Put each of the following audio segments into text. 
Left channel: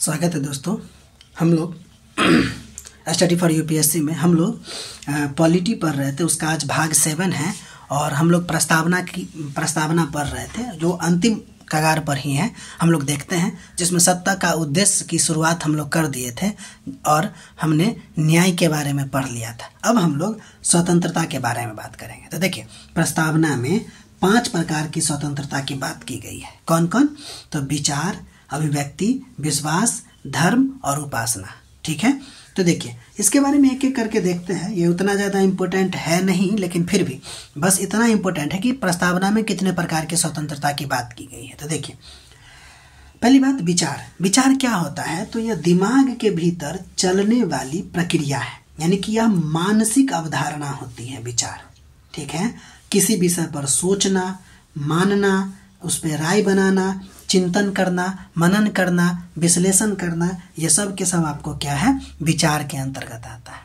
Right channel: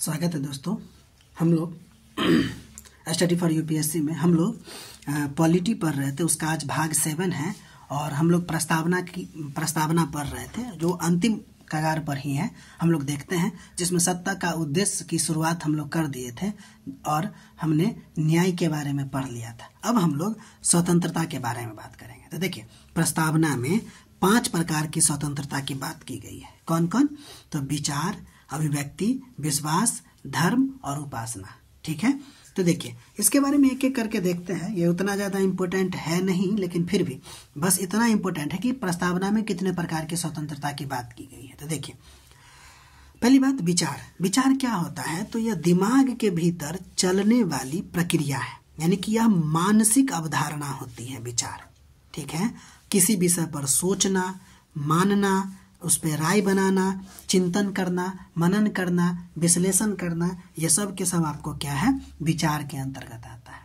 स्वागत है दोस्तों। हम लोग स्टडी फॉर यूपीएससी में हम लोग पॉलिटी पढ़ रहे थे, उसका आज भाग 7 है और हम लोग प्रस्तावना पढ़ रहे थे जो अंतिम कगार पर ही है। हम लोग देखते हैं जिसमें सत्ता का उद्देश्य की शुरुआत हम लोग कर दिए थे और हमने न्याय के बारे में पढ़ लिया था। अब हम लोग स्वतंत्रता के बारे में बात करेंगे। तो देखिए, प्रस्तावना में 5 प्रकार की स्वतंत्रता की बात की गई है। कौन कौन? तो विचार, अभिव्यक्ति, विश्वास, धर्म और उपासना। ठीक है, तो देखिए इसके बारे में एक एक करके देखते हैं। ये उतना ज़्यादा इम्पोर्टेंट है नहीं, लेकिन फिर भी बस इतना इम्पोर्टेंट है कि प्रस्तावना में कितने प्रकार की स्वतंत्रता की बात की गई है। तो देखिए, पहली बात विचार। विचार क्या होता है? तो यह दिमाग के भीतर चलने वाली प्रक्रिया है, यानी कि यह मानसिक अवधारणा होती है विचार। ठीक है, किसी विषय पर सोचना, मानना, उस पर राय बनाना, चिंतन करना, मनन करना, विश्लेषण करना, ये सब के सब आपको क्या है? विचार के अंतर्गत आता है।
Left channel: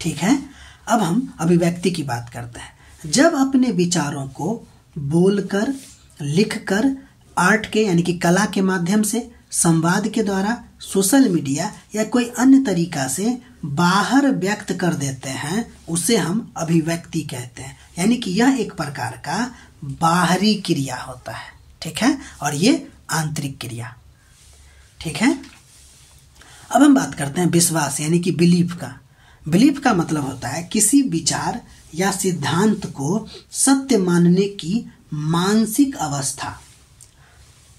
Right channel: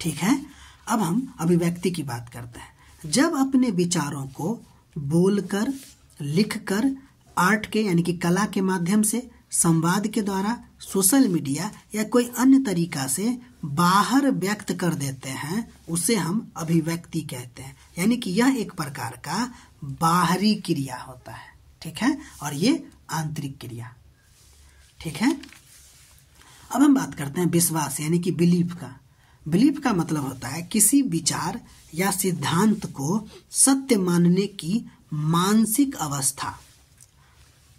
ठीक है, अब हम अभिव्यक्ति की बात करते हैं। जब अपने विचारों को बोलकर, लिखकर, आर्ट के यानी कि कला के माध्यम से, संवाद के द्वारा, सोशल मीडिया या कोई अन्य तरीका से बाहर व्यक्त कर देते हैं, उसे हम अभिव्यक्ति कहते हैं। यानी कि यह एक प्रकार का बाहरी क्रिया होता है। ठीक है, और ये आंतरिक क्रिया। ठीक है, अब हम बात करते हैं विश्वास यानी कि बिलीफ का। बिलीफ का मतलब होता है किसी विचार या सिद्धांत को सत्य मानने की मानसिक अवस्था।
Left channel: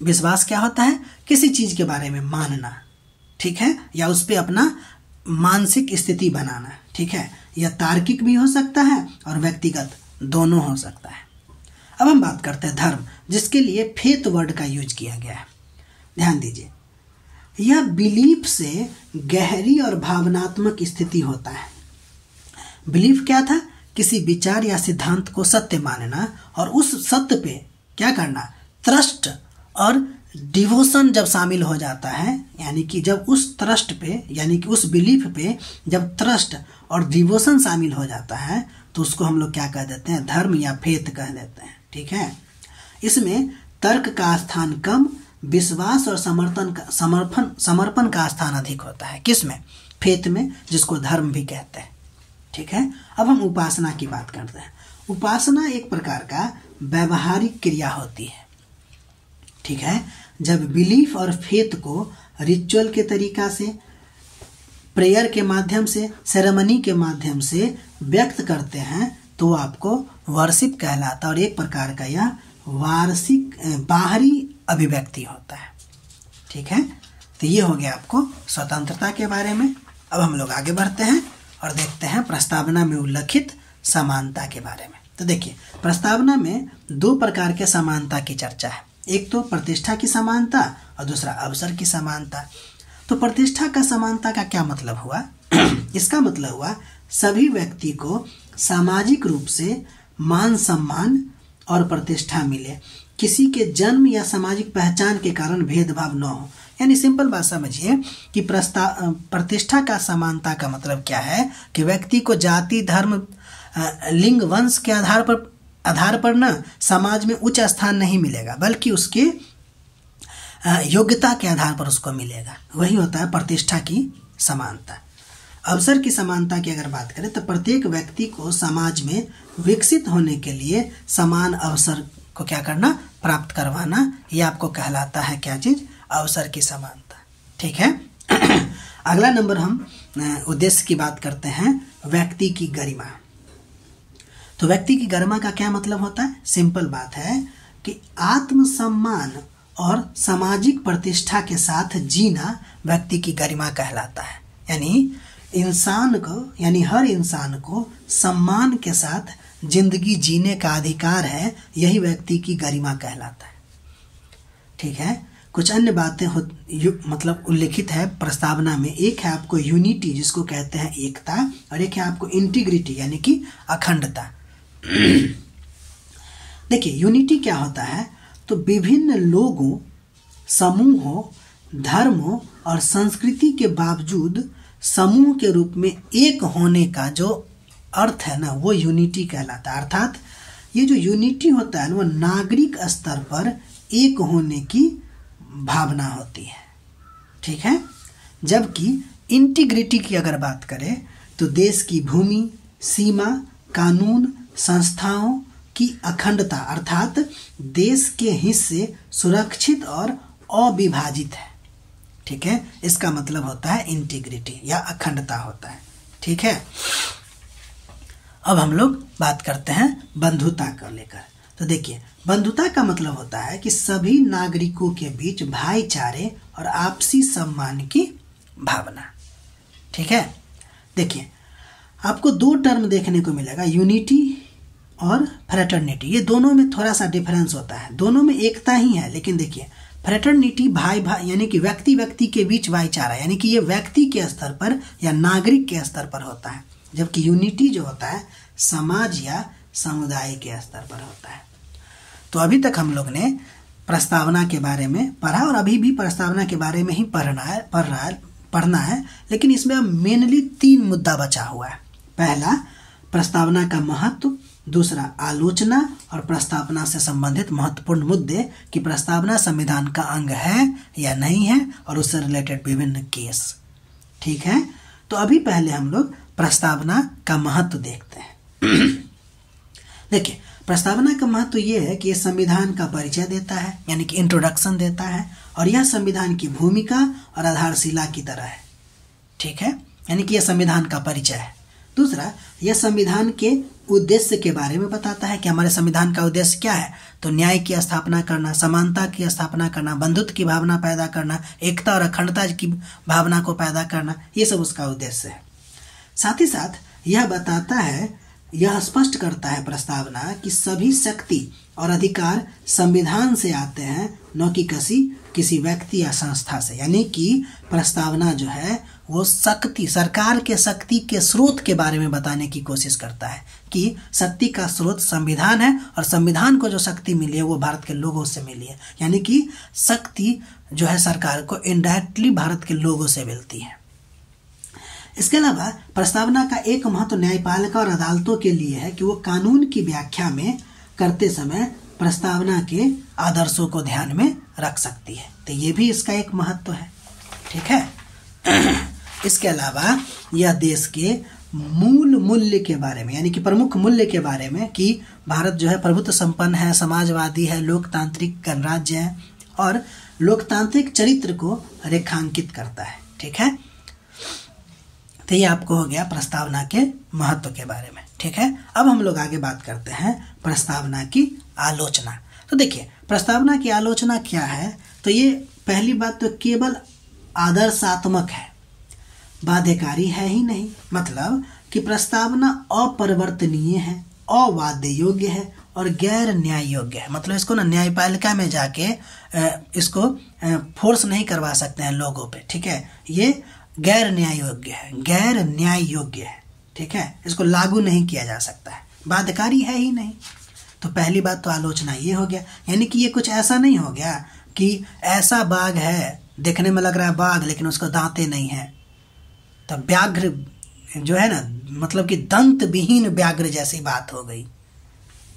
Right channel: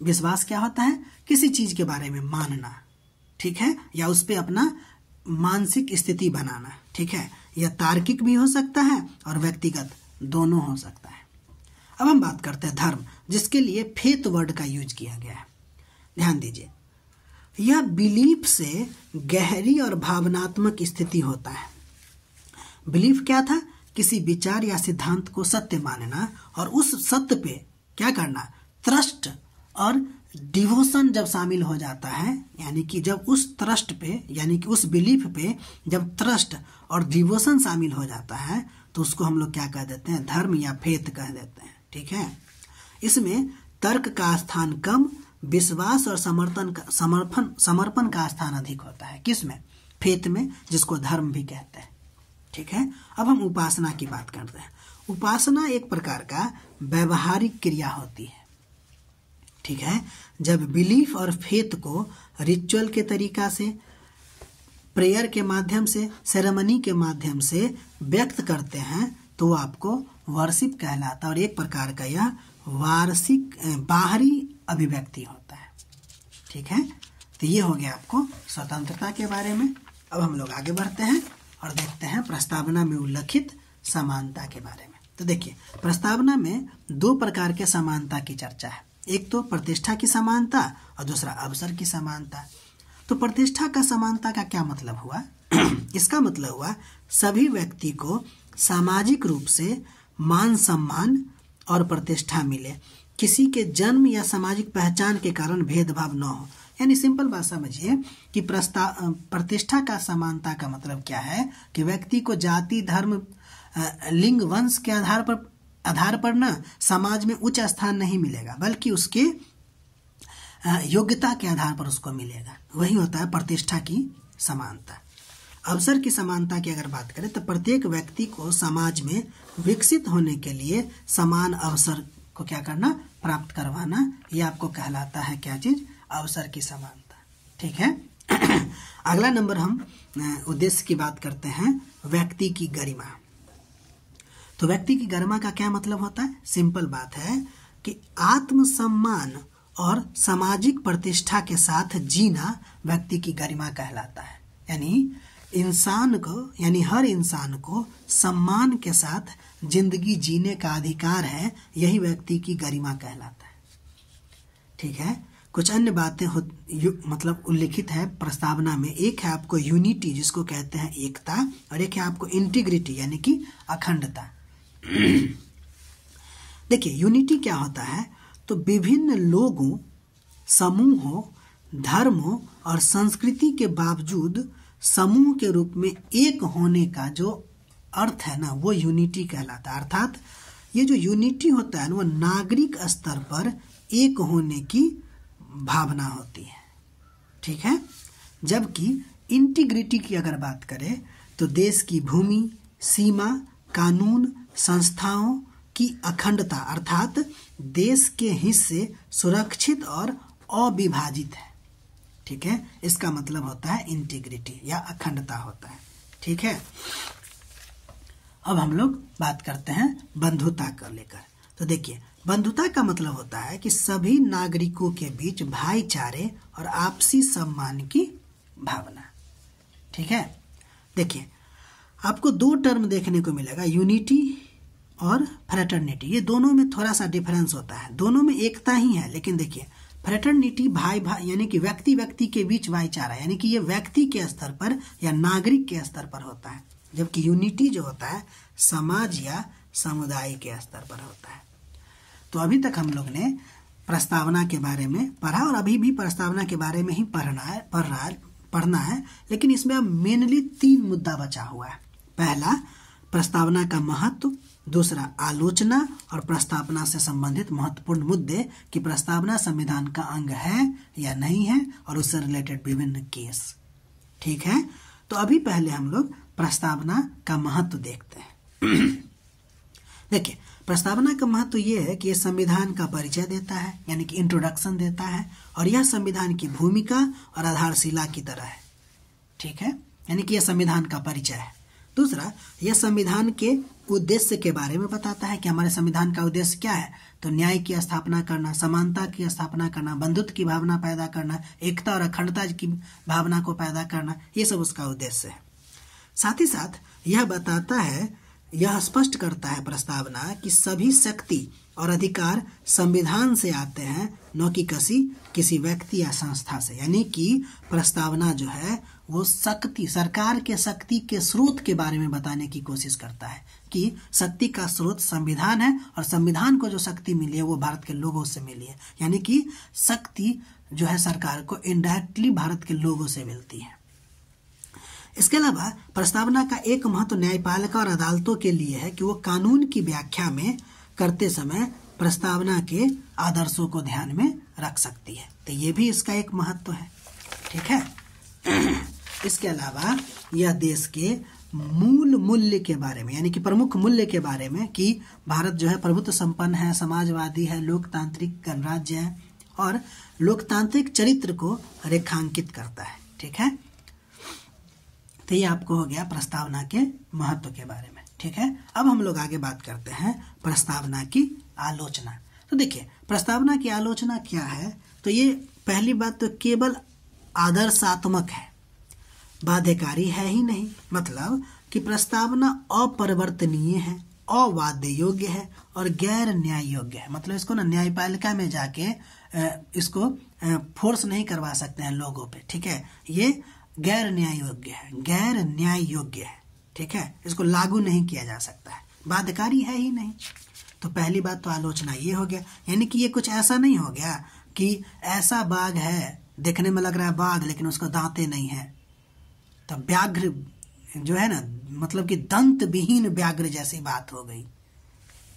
विश्वास क्या होता है? किसी चीज के बारे में मानना। ठीक है, या उस पर अपना मानसिक स्थिति बनाना। ठीक है, यह तार्किक भी हो सकता है और व्यक्तिगत, दोनों हो सकता है। अब हम बात करते हैं धर्म, जिसके लिए फेथ वर्ड का यूज किया गया है। ध्यान दीजिए, यह बिलीफ से गहरी और भावनात्मक स्थिति होता है। बिलीफ क्या था? किसी विचार या सिद्धांत को सत्य मानना और उस सत्य पे क्या करना? ट्रस्ट और डिवोशन जब शामिल हो जाता है, यानी कि जब उस ट्रस्ट पे यानी कि उस बिलीफ पे जब ट्रस्ट और डिवोशन शामिल हो जाता है, तो उसको हम लोग क्या कह देते हैं? धर्म या फेथ कह देते हैं। ठीक है, इसमें तर्क का स्थान कम, विश्वास और समर्पण का स्थान अधिक होता है। किसमें? फेथ में, जिसको धर्म भी कहते हैं। ठीक है, अब हम उपासना की बात करते हैं। उपासना एक प्रकार का व्यवहारिक क्रिया होती है। ठीक है, जब बिलीफ और फेथ को रिचुअल के तरीका से, प्रेयर के माध्यम से, सेरेमनी के माध्यम से व्यक्त करते हैं, तो आपको वर्शिप कहलाता है और एक प्रकार का यह बाहरी अभिव्यक्ति होता है। ठीक है, तो ये हो गया आपको स्वतंत्रता के बारे में। अब हम लोग आगे बढ़ते हैं और देखते हैं प्रस्तावना में उल्लिखित समानता के बारे में। तो देखिए, प्रस्तावना में 2 प्रकार के समानता की चर्चा है। एक तो प्रतिष्ठा की समानता और दूसरा अवसर की समानता। तो प्रतिष्ठा का समानता का क्या मतलब हुआ? इसका मतलब हुआ सभी व्यक्ति को सामाजिक रूप से मान सम्मान और प्रतिष्ठा मिले, किसी के जन्म या सामाजिक पहचान के कारण भेदभाव न हो। यानी सिंपल बात समझिए कि प्रतिष्ठा का समानता का मतलब क्या है कि व्यक्ति को जाति, धर्म, लिंग, वंश के आधार पर न समाज में उच्च स्थान नहीं मिलेगा, बल्कि उसके योग्यता के आधार पर उसको मिलेगा। वही होता है प्रतिष्ठा की समानता। अवसर की समानता की अगर बात करें तो प्रत्येक व्यक्ति को समाज में विकसित होने के लिए समान अवसर को क्या करना? प्राप्त करवाना। ये आपको कहलाता है क्या चीज? अवसर की समानता। ठीक है, अगला नंबर हम उद्देश्य की बात करते हैं, व्यक्ति की गरिमा। तो व्यक्ति की गरिमा का क्या मतलब होता है? सिंपल बात है कि आत्मसम्मान और सामाजिक प्रतिष्ठा के साथ जीना व्यक्ति की गरिमा कहलाता है। यानी हर इंसान को सम्मान के साथ जिंदगी जीने का अधिकार है, यही व्यक्ति की गरिमा कहलाता है। ठीक है, कुछ अन्य बातें मतलब उल्लिखित है प्रस्तावना में। एक है आपको यूनिटी, जिसको कहते हैं एकता, और एक है आपको इंटीग्रिटी यानी कि अखंडता। देखिए, यूनिटी क्या होता है? तो विभिन्न लोगों, समूहों, धर्मों और संस्कृति के बावजूद समूह के रूप में एक होने का जो अर्थ है ना, वो यूनिटी कहलाता है। अर्थात ये जो यूनिटी होता है ना, वो नागरिक स्तर पर एक होने की भावना होती है। ठीक है। जबकि इंटीग्रिटी की अगर बात करें तो देश की भूमि, सीमा, कानून, संस्थाओं की अखंडता अर्थात देश के हिस्से सुरक्षित और अविभाजित है। ठीक है, इसका मतलब होता है इंटीग्रिटी या अखंडता होता है। ठीक है, अब हम लोग बात करते हैं बंधुता को लेकर। तो देखिए, बंधुता का मतलब होता है कि सभी नागरिकों के बीच भाईचारे और आपसी सम्मान की भावना। ठीक है, देखिए आपको दो टर्म देखने को मिलेगा, यूनिटी और फ्रेटर्निटी। ये दोनों में थोड़ा सा डिफरेंस होता है, दोनों में एकता ही है, लेकिन देखिए फ्रेटर्निटी भाई भाई यानी कि व्यक्ति व्यक्ति के बीच भाईचारा, यानी कि ये व्यक्ति के स्तर पर या नागरिक के स्तर पर होता है, जबकि यूनिटी जो होता है समाज या समुदाय के स्तर पर होता है। तो अभी तक हम लोग ने प्रस्तावना के बारे में पढ़ा और अभी भी प्रस्तावना के बारे में ही पढ़ना है, लेकिन इसमें अब मेनली 3 मुद्दा बचा हुआ है। पहला प्रस्तावना का महत्व, दूसरा आलोचना और प्रस्तावना से संबंधित महत्वपूर्ण मुद्दे कि प्रस्तावना संविधान का अंग है या नहीं है और उससे रिलेटेड विभिन्न केस। ठीक है, तो अभी पहले हम लोग प्रस्तावना का महत्व देखते हैं। देखिए, प्रस्तावना का महत्व ये है कि ये संविधान का परिचय देता है, यानी कि इंट्रोडक्शन देता है, और यह संविधान की भूमिका और आधारशिला की तरह है। ठीक है, यानी कि यह संविधान का परिचय है। दूसरा, यह संविधान के उद्देश्य के बारे में बताता है कि हमारे संविधान का उद्देश्य क्या है। तो न्याय की स्थापना करना, समानता की स्थापना करना, बंधुत्व की भावना पैदा करना, एकता और अखंडता की भावना को पैदा करना, ये सब उसका उद्देश्य है। साथ ही साथ यह बताता है, यह स्पष्ट करता है प्रस्तावना कि सभी शक्ति और अधिकार संविधान से आते हैं, न कि किसी व्यक्ति या संस्था से। यानी कि प्रस्तावना जो है वो शक्ति, सरकार के शक्ति के स्रोत के बारे में बताने की कोशिश करता है कि शक्ति का स्रोत संविधान है और संविधान को जो शक्ति मिली है वो भारत के लोगों से मिली है। यानी कि शक्ति जो है सरकार को इनडायरेक्टली भारत के लोगों से मिलती है। इसके अलावा प्रस्तावना का एक महत्व न्यायपालिका और अदालतों के लिए है कि वो कानून की व्याख्या में करते समय प्रस्तावना के आदर्शों को ध्यान में रख सकती है। तो ये भी इसका एक महत्व है। ठीक है, इसके अलावा यह देश के मूल मूल्य के बारे में, यानी कि प्रमुख मूल्य के बारे में कि भारत जो है प्रभुत्व संपन्न है, समाजवादी है, लोकतांत्रिक गणराज्य है और लोकतांत्रिक चरित्र को रेखांकित करता है। ठीक है, तो ये आपको हो गया प्रस्तावना के महत्व के बारे में। ठीक है, अब हम लोग आगे बात करते हैं प्रस्तावना की आलोचना। तो देखिए, प्रस्तावना की आलोचना क्या है। तो ये पहली बात तो केवल आदर्शात्मक है, बाध्यकारी है ही नहीं। मतलब कि प्रस्तावना अपरिवर्तनीय है, अवाद्य योग्य है और गैर न्याय योग्य है। मतलब इसको ना न्यायपालिका में जाके इसको फोर्स नहीं करवा सकते हैं लोगों पे। ठीक है, ये गैर न्याय योग्य है, गैर न्याय योग्य है। ठीक है, इसको लागू नहीं किया जा सकता है, बाध्यकारी है ही नहीं। तो पहली बात तो आलोचना ये हो गया, यानी कि ये कुछ ऐसा नहीं हो गया कि ऐसा बाघ है, देखने में लग रहा है बाघ लेकिन उसको दांतें नहीं है, तो व्याघ्र जो है ना, मतलब कि दंत विहीन व्याघ्र जैसी बात हो गई,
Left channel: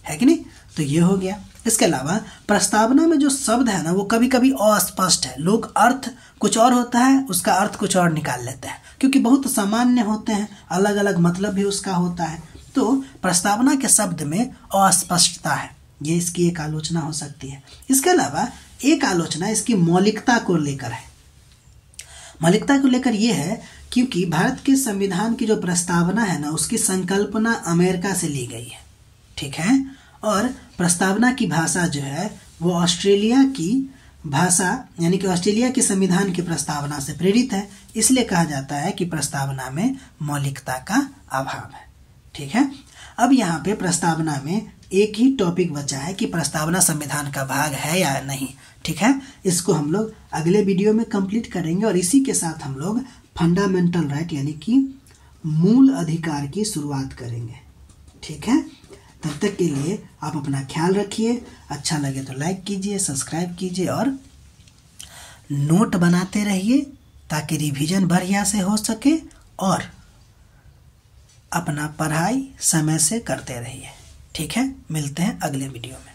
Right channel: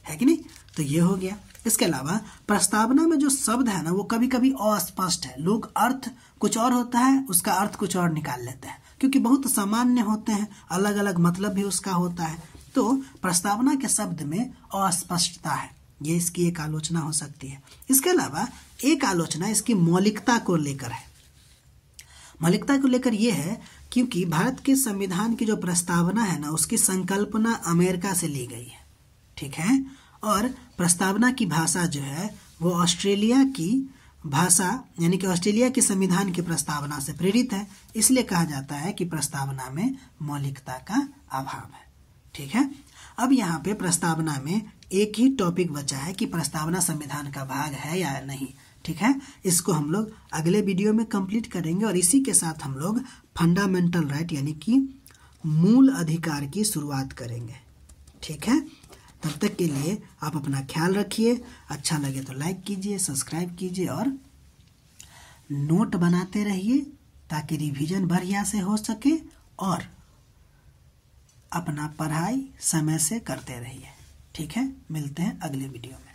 है कि नहीं। तो ये हो गया। इसके अलावा प्रस्तावना में जो शब्द है ना वो कभी कभी अस्पष्ट है, लोग अर्थ कुछ और होता है उसका अर्थ कुछ और निकाल लेते हैं, क्योंकि बहुत सामान्य होते हैं, अलग अलग मतलब भी उसका होता है। तो प्रस्तावना के शब्द में अस्पष्टता है, ये इसकी एक आलोचना हो सकती है। इसके अलावा एक आलोचना इसकी मौलिकता को लेकर है। मौलिकता को लेकर ये है क्योंकि भारत के संविधान की जो प्रस्तावना है ना उसकी संकल्पना अमेरिका से ली गई है। ठीक है, और प्रस्तावना की भाषा जो है वो ऑस्ट्रेलिया की भाषा, यानी कि ऑस्ट्रेलिया के संविधान की प्रस्तावना से प्रेरित है। इसलिए कहा जाता है कि प्रस्तावना में मौलिकता का अभाव है। ठीक है, अब यहाँ पे प्रस्तावना में एक ही टॉपिक बचा है कि प्रस्तावना संविधान का भाग है या नहीं। ठीक है, इसको हम लोग अगले वीडियो में कंप्लीट करेंगे और इसी के साथ हम लोग फंडामेंटल राइट यानी कि मूल अधिकार की शुरुआत करेंगे। ठीक है, तब तक के लिए आप अपना ख्याल रखिए। अच्छा लगे तो लाइक कीजिए, सब्सक्राइब कीजिए और नोट बनाते रहिए ताकि रिवीजन बढ़िया से हो सके और अपना पढ़ाई समय से करते रहिए। ठीक है, मिलते हैं अगले वीडियो में।